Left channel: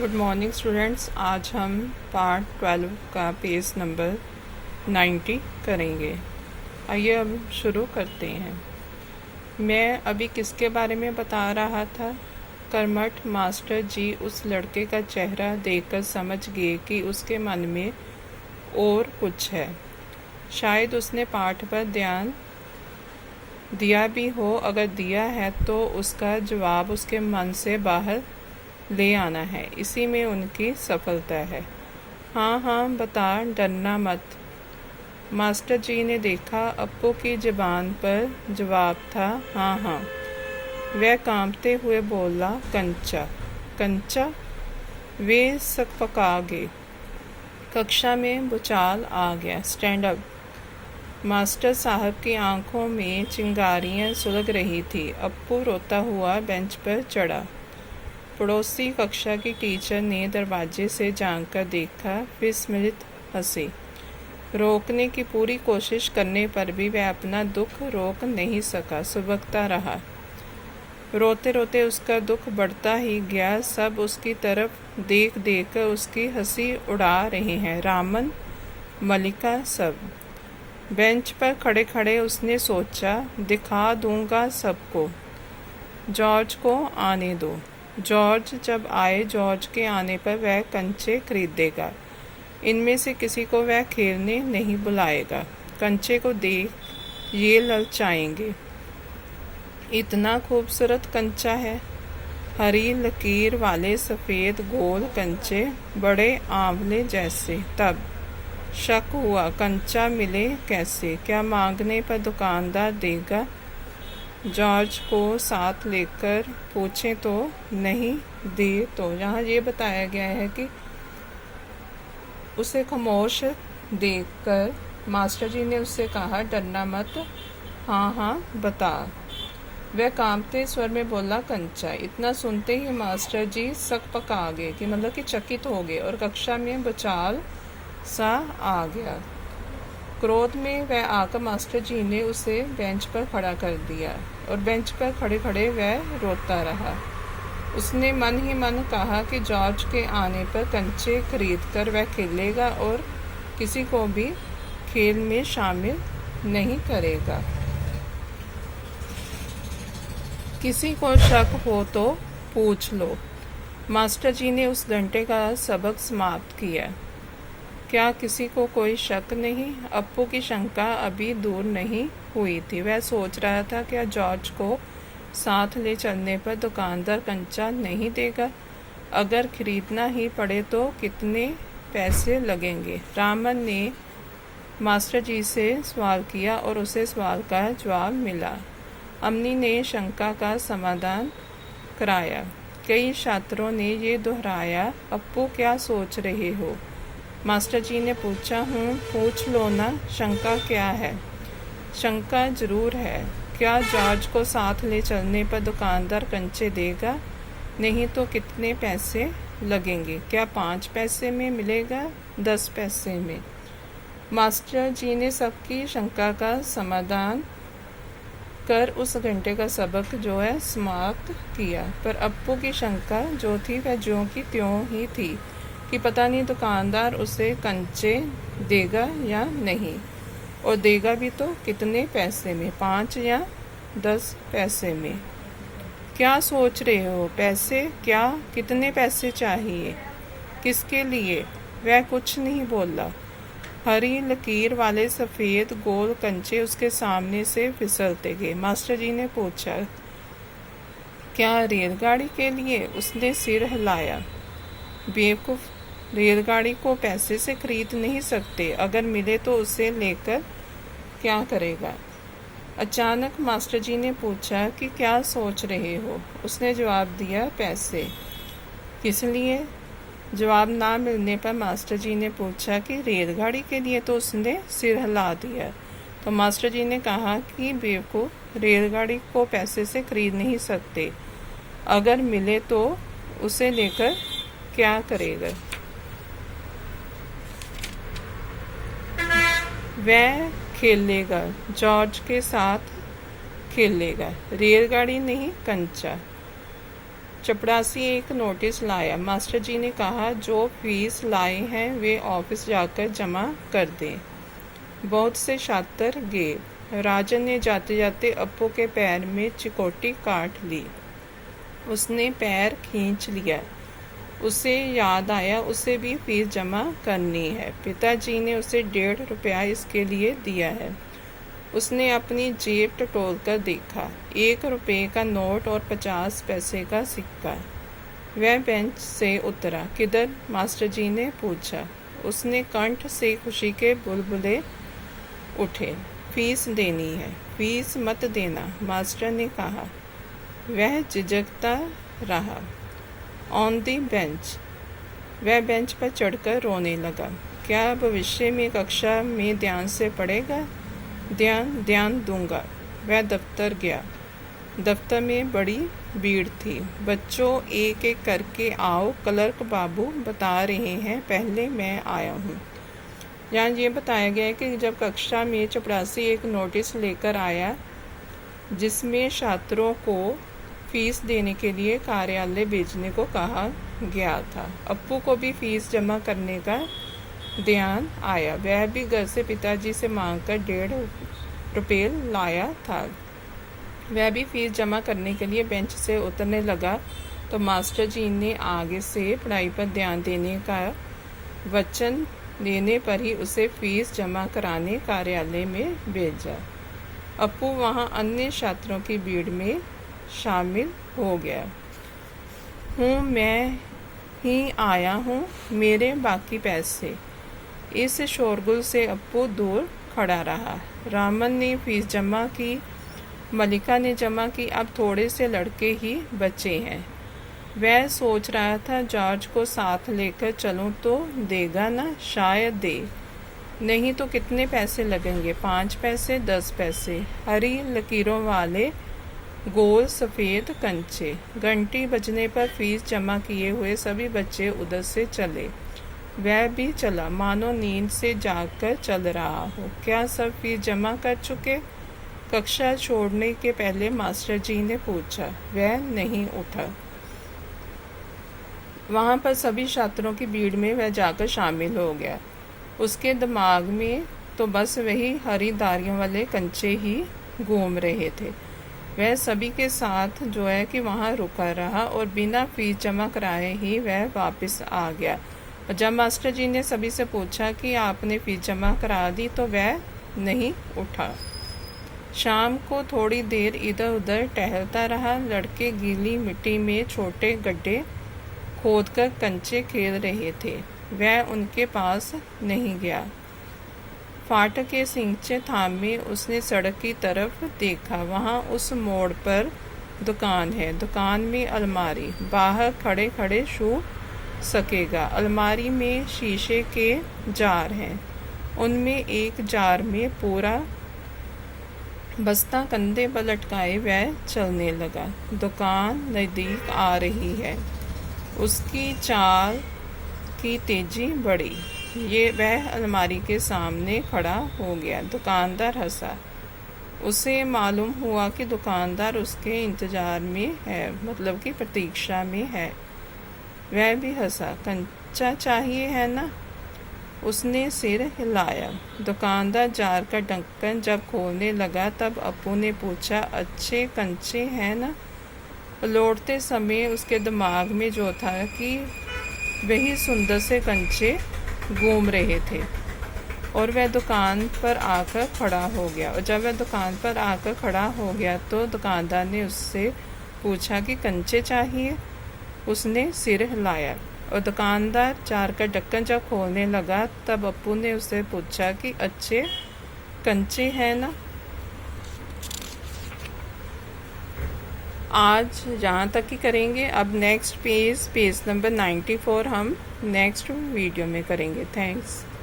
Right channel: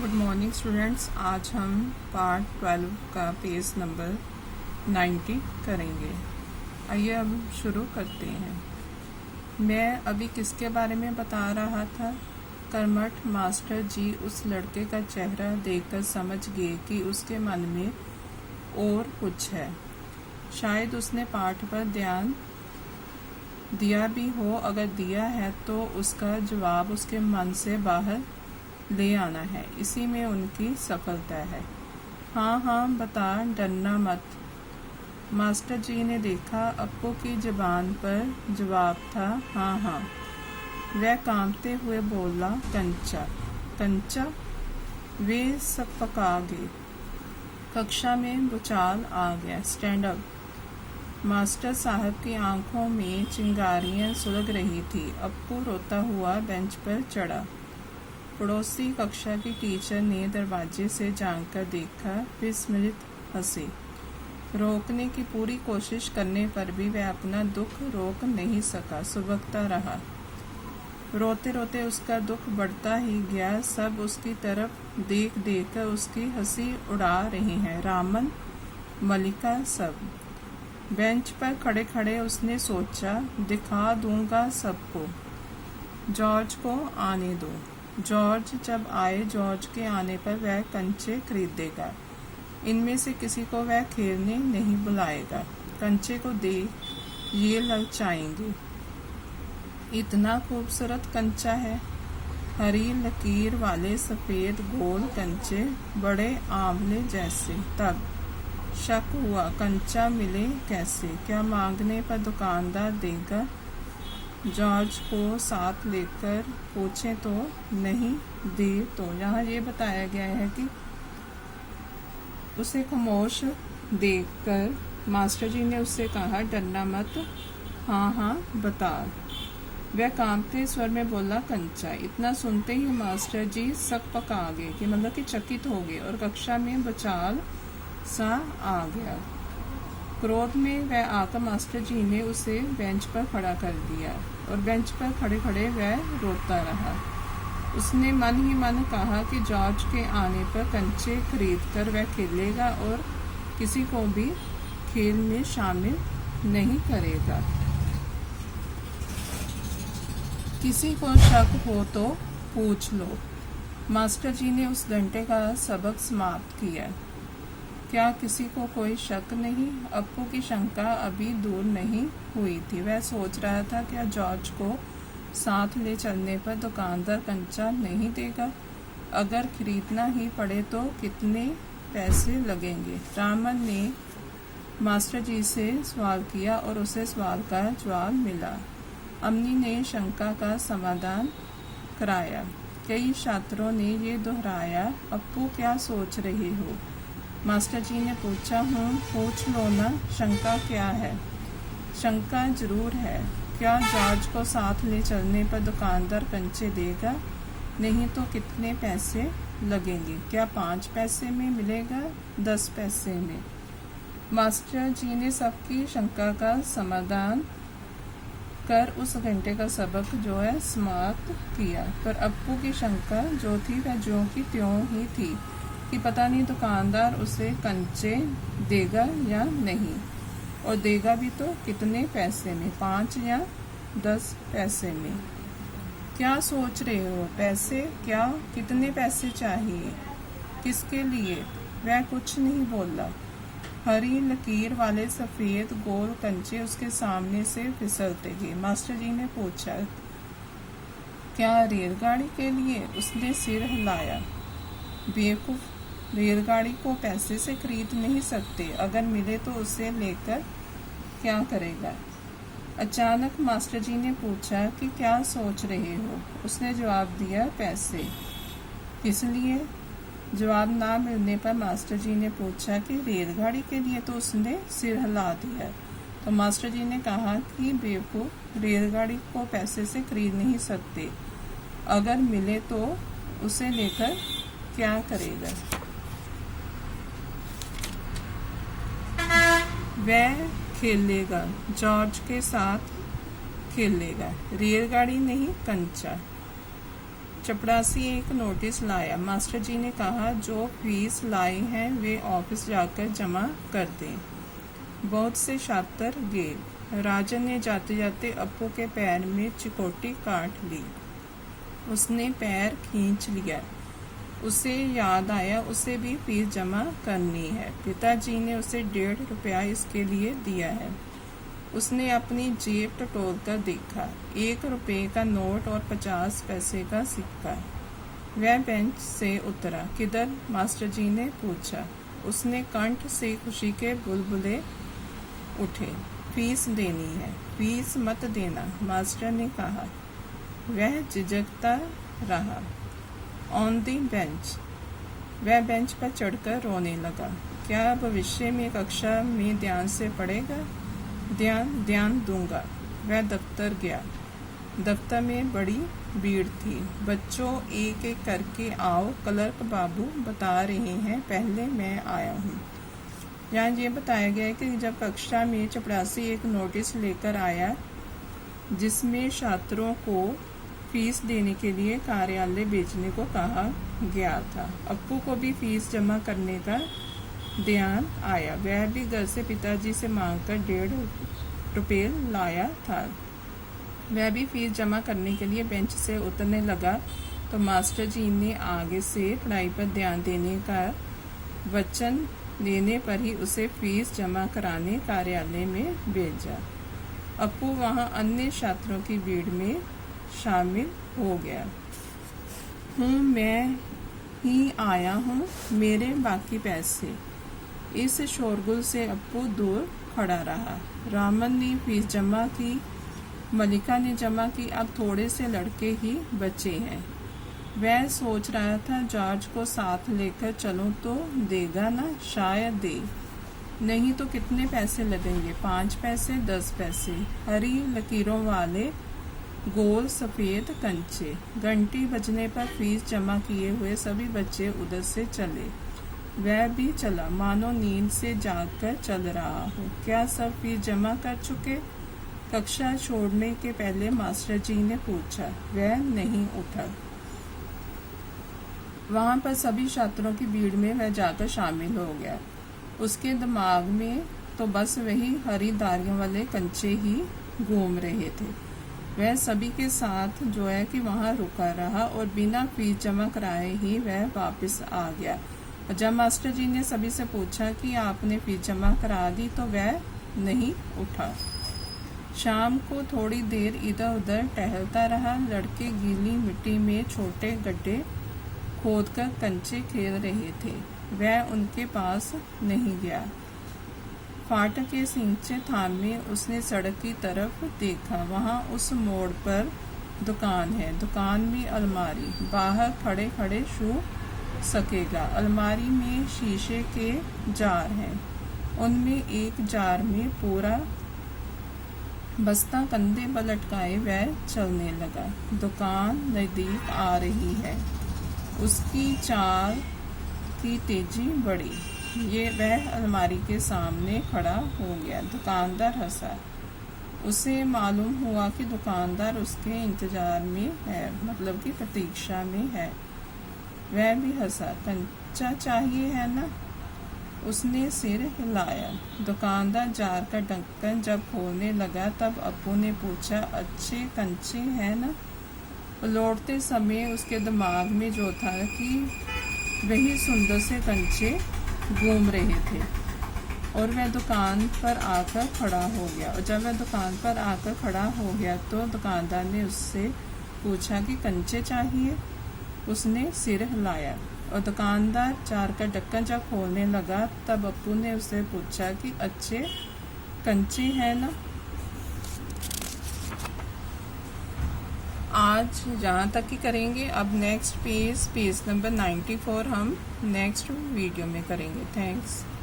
Good morning students. आज हम part 12 का पेज नंबर 90 करेंगे। आइए अब शुरू करते हैं। मैं अभी किसके बारे में बता रहा था? कर्मठ मास्टर जी उस लड़के का चेहरा देखकर समझ गए कि उसके मन में और कुछ है। शायद उसने पाठ पर ध्यान दिया भी हो। अगर दिया है तो उसका जवाब उसके मन से बाहर ले आना है। इसी में उनकी सफलता है। हाँ हाँ बता, डरना मत। मास्टर जी ने देखा अप्पू की ज़बान पर जवाब था हाँ हाँ। वह कांपते हुए बोला, कंचा कंचा। वे सकपका गए। कक्षा में भूचाल आ गया। Stand up. मास्टर साहब की आंखों में चिंगारियां सुलग रही थी। अप्पू रोता हुआ बेंच पर चढ़ा। पड़ोसी कक्षा की टीचर ने दरवाजे से झांक कर देखा, विस्मित हंसी। रोकने की पूरी कोशिश करने पर भी वह अपना दुख रोक नहीं सका, सुबकता रहा। रोते रोते उसका दुख बढ़ता ही गया। सब उसकी तरफ देख देख कर उसकी हंसी उड़ा रहे हैं। रामन, मलिका, सब। बेंच पर खड़े खड़े उसने सोचा, दिखा दूंगा सबको। जॉर्ज को आने दो। जॉर्ज जब आए, जॉर्ज के आने पर वह कंचे खरीदेगा। इनमें से किसी को वह खेलने नहीं बुलाएगा। कंचे को देख ये ललचाएंगे। इतना खूबसूरत कंचा है। हरी लकीर वाले सफ़ेद गोल कंचे, बड़े आंवले जैसे। तब शक हुआ, कंचा मिले कैसे? क्या मांगने पर दुकानदार देगा? जॉर्ज को साथ लेकर पूछें तो नहीं दे तो। यहाँ ये बताया गया है कि उसे खामोश देखकर मास्टर जी ने उससे कहा, डरना मत, हाँ हाँ बता। वह कांपते स्वर में बोला, कंचा। इतना सुनते ही मास्टर जी सकपका गए, कि मतलब कि चकित हो गए, और कक्षा में भूचाल सा आ गया। क्रोध में वह आकर मास्टर जी ने उसे बेंच पर खड़ा कर दिया, और बेंच पर खड़े खड़े वह रोता रहा। उसने मन ही मन कहा कि जॉर्ज के आने पर कंचे खरीदकर वह खेलेगा और किसी को भी खेल में शामिल नहीं करेगा। किसी को शक हो तो पूछ लो। मास्टर जी ने उस घंटे का सबक समाप्त किया। क्या किसी को कोई शक नहीं? अप्पू की शंका अभी दूर नहीं हुई थी। वह सोच रहा था, क्या जॉर्ज को साथ ले चलने पर दुकानदार कंचा नहीं देगा? अगर खरीदना ही पड़े तो कितने पैसे लगेंगे? रामन ने मास्टर जी से सवाल किया और उसे सवाल का जवाब मिला। अम्नी ने शंका का समाधान कराया। कई छात्रों ने ये दोहराया, अप्पू क्या सोच रहे हो? मास्टर जी ने पूछा, पूछ लो ना, शंका क्या है? शंका जरूर है। क्या जॉर्ज को साथ ले चलने पर दुकानदार कंचे देगा? नहीं तो कितने पैसे लगेंगे? क्या 5 पैसे में मिलेगा, 10 पैसे में? मास्टर जी ने सबकी शंका का समाधान कर उस घंटे का सबक जो है समाप्त किया। पर अप्पू की शंका जो थी वह ज्यों की त्यों ही थी, कि पता नहीं दुकानदार उसे कंचे देगा या नहीं, और देगा भी तो कितने पैसे में, 5 या 10 पैसे में। क्या सोच रहे हो? पैसे? क्या? कितने पैसे चाहिए? किसके लिए? वह कुछ नहीं बोला। हरी लकीर वाले सफ़ेद गोल कंचे उसके सामने से फिसलते गए। मास्टर जी ने पूछा, क्या रेलगाड़ी के लिए? उसने सिर हिलाया। बेवकूफ़, रेलगाड़ी को पैसे से खरीद नहीं सकते। अगर मिले तो उसे लेकर क्या करेगा? अचानक मास्टर जी ने पूछा कि क्या सोच रहे हो? उसने जवाब दिया, पैसे। किस लिए? जवाब ना मिलने पर मास्टर जी ने पूछा कि रेलगाड़ी के लिए, तो उसने सिर हिला दिया। तो मास्टर जी ने कहा कि बेवकूफ़, रेलगाड़ी को पैसे से खरीद नहीं सकते। अगर मिले तो उसे लेकर क्या करेगा? वह खेलेगा, जॉर्ज के साथ खेलेगा। रेलगाड़ी नहीं, कंचा। चपरासी एक नोटिस लाया। मास्टर जी ने कहा, जो फीस लाए हैं वे ऑफिस जाकर जमा कर दें। बहुत से छात्र गए। राजन ने जाते जाते अप्पू के पैर में चिकोटी काट ली। उसने पैर खींच लिया। उसे याद आया उसे भी फीस जमा करनी है। पिताजी ने उसे 1.5 रुपया इसके लिए दिया है। उसने अपनी जेब टटोल कर देखा। 1 रुपये का नोट और 50 पैसे का सिक्का। वह बेंच से उतरा। किधर? मास्टर जी ने पूछा। उसने कंठ से खुशी के बुलबुले उठे। फीस देनी है। फीस मत देना, मास्टर ने कहा। वह झिझकता रहा। On the bench. वह बेंच पर चढ़कर रोने लगा। क्या भविष्य में कक्षा में ध्यान से पढ़ेगा? ध्यान दूंगा। वह दफ्तर गया। दफ्तर में बड़ी भीड़ थी। बच्चों, एक एक करके आओ, क्लर्क बाबू बता रहे हैं, पहले मैं आया हूँ। यहाँ ये बताया गया है कि जब कक्षा में चपरासी एक नोटिस लेकर आया जिसमें छात्रों को फीस देने के लिए कार्यालय भेजने को कहा गया था। अप्पू को भी फीस जमा करने का ध्यान आया। वह भी घर से पिताजी से मांगकर 1.5 रुपये लाया था। वह भी फीस जमा करने के लिए बेंच से उतरने लगा तो मास्टर जी ने आगे से पढ़ाई पर ध्यान देने का वचन देने पर ही उसे फीस जमा कराने कार्यालय में भेजा। अप्पू वहां अन्य छात्रों की भीड़ में शामिल हो गया। मैं ही आया हूँ, मेरे बाकी पैसे। इस शोरगुल से अप्पू दूर खड़ा रहा। रामन ने फीस जमा की, मलिका ने जमा की, अब थोड़े से लड़के ही बचे हैं। वह सोच रहा था जॉर्ज को साथ लेकर चलूं तो देगा ना, शायद दे। नहीं तो कितने पैसे लगेंगे? 5 पैसे, 10 पैसे। हरी लकीरों वाले गोल सफ़ेद कंचे। घंटी बजने पर फीस जमा किए हुए सभी बच्चे उधर से चले। वह भी चला, मानो नींद से जागकर चल रहा हो। क्या सब फीस जमा कर चुके? कक्षा छोड़ने के पहले मास्टर जी ने पूछा। वह नहीं उठा। वहां पर सभी छात्रों की भीड़ में वह जाकर शामिल हो गया। उसके दिमाग में तो बस वही हरी धारियों वाले कंचे ही घूम रहे थे। वह सभी के साथ जो है कि वहां रुका रहा और बिना फीस जमा कराए ही वह वापस आ गया। और जब मास्टर जी ने सभी से पूछा कि आपने फीस जमा करा दी तो वह नहीं उठा। शाम को थोड़ी देर इधर उधर टहलता रहा। लड़के गीली मिट्टी में छोटे गड्ढे खोदकर कंचे खेल रहे थे। वह उनके पास नहीं गया। फाटक के सिंचे थामे उसने सड़क की तरफ देखा। वहां उस मोड़ पर दुकान है। दुकान में अलमारी। बाहर खड़े खड़े छू सकेगा। अलमारी में शीशे के जार हैं। उनमें एक जार में पूरा बस्ता कंधे पर लटकाए वह चलने लगा। दुकान नजदीक आ रही है। उसकी चाल की तेजी बढ़ी। वह अलमारी के सामने खड़ा हो गया। दुकानदार हंसा। उसे मालूम हुआ कि दुकानदार उसके इंतजार में है, मतलब कि प्रतीक्षा में है। वह भी हंसा। कंचा चाहिए है ना? उसने सिर हिलाया। दुकानदार जार का ढक्कन जब खोलने लगा तब अप्पू ने पूछा, अच्छे कंचे हैं ना? लौटते समय उसके दिमाग में जो था कि वही सुंदर से कंचे घूम रहे थे और वह दुकान पर आकर खड़ा हो गया। और जब वह दुकान पर आकर खड़ा हो गया तो दुकानदार ने उससे पूछा कि कंचे चाहिए? उसने सिर हिलाया। और दुकानदार जार का ढक्कन जब खोलने लगा तब अप्पू ने उससे पूछा कि अच्छे कंचे हैं ना? आज यहाँ तक ही करेंगे। अब नेक्स्ट पेज नंबर 94 हम नेक्स्ट वीडियो में करेंगे। थैंक्स।